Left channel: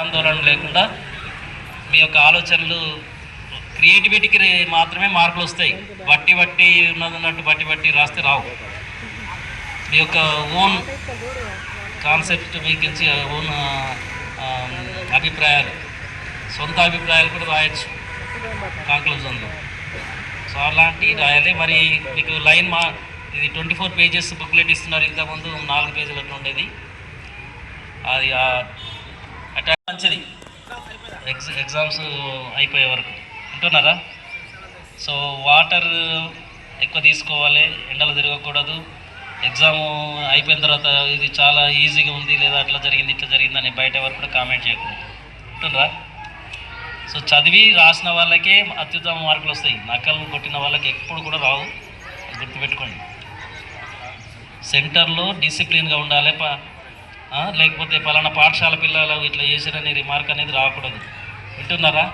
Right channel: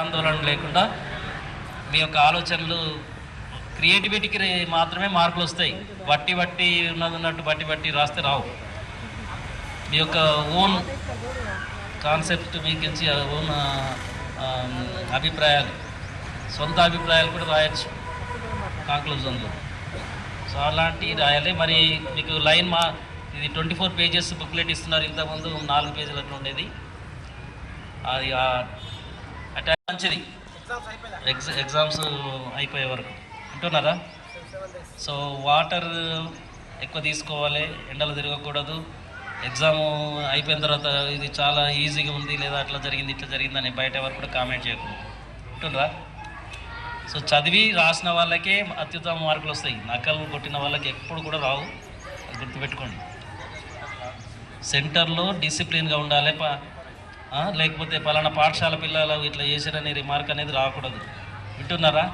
ఆందోళన లేకుండా మీ యొక్క ఆలోచనలు క్రియేటివిటీకి మాత్రమే మార్కులు వస్తాయి. బట్టి ఉన్నట్టు బట్టి రాస్తే రావు. మీ యొక్క ఓన్ కాన్సెప్ట్ మీకు ఓన్ అభిప్రాయాలు, సొంత అభిప్రాయాలు కూడా రాయొచ్చు కాంక్లూజన్లో. సో అలాంటివి రాయాలి. మరి మీకు లైన్ ఇది 24 పేజెస్ బుక్లెట్ ఇస్తున్నారు. ఇంతకుముందు 4 పేజీలు అట్లా ఉండేది. అది మంచిది ఎగ్జామ్స్ అయిపోయే వరకు ఉంటున్నారా. సో వాటర్ ఎక్కువ తీసుకోవాలి, ఎండలు తిరగకూడదు. ఎగ్జామ్ అయిపోయిన తర్వాత ఇది చాలా ఈజీగా ఉంది లేదా అట్లా జరిగింది ఇట్లా జరిగిందని బయట ఎవరు కూడా కామెంట్ చేయకూడదు. ఉంటుందా. సో చదివి రాసిన వాళ్ళకే అత్యుత్తమ మార్కులు వస్తాయి. నకలు కొట్టిన వాళ్ళకి ఎప్పుడు కూడా రావు, గుర్తుపెట్టుకోండి. సెంటర్లో డిసిప్లిన్గా ఉండాలి. లేకపోతే పలానా పాఠశాల పిల్లలు ఇట్లా చేశారనే రిమార్క్ అనేది రాకూడదు. వింటున్నారా.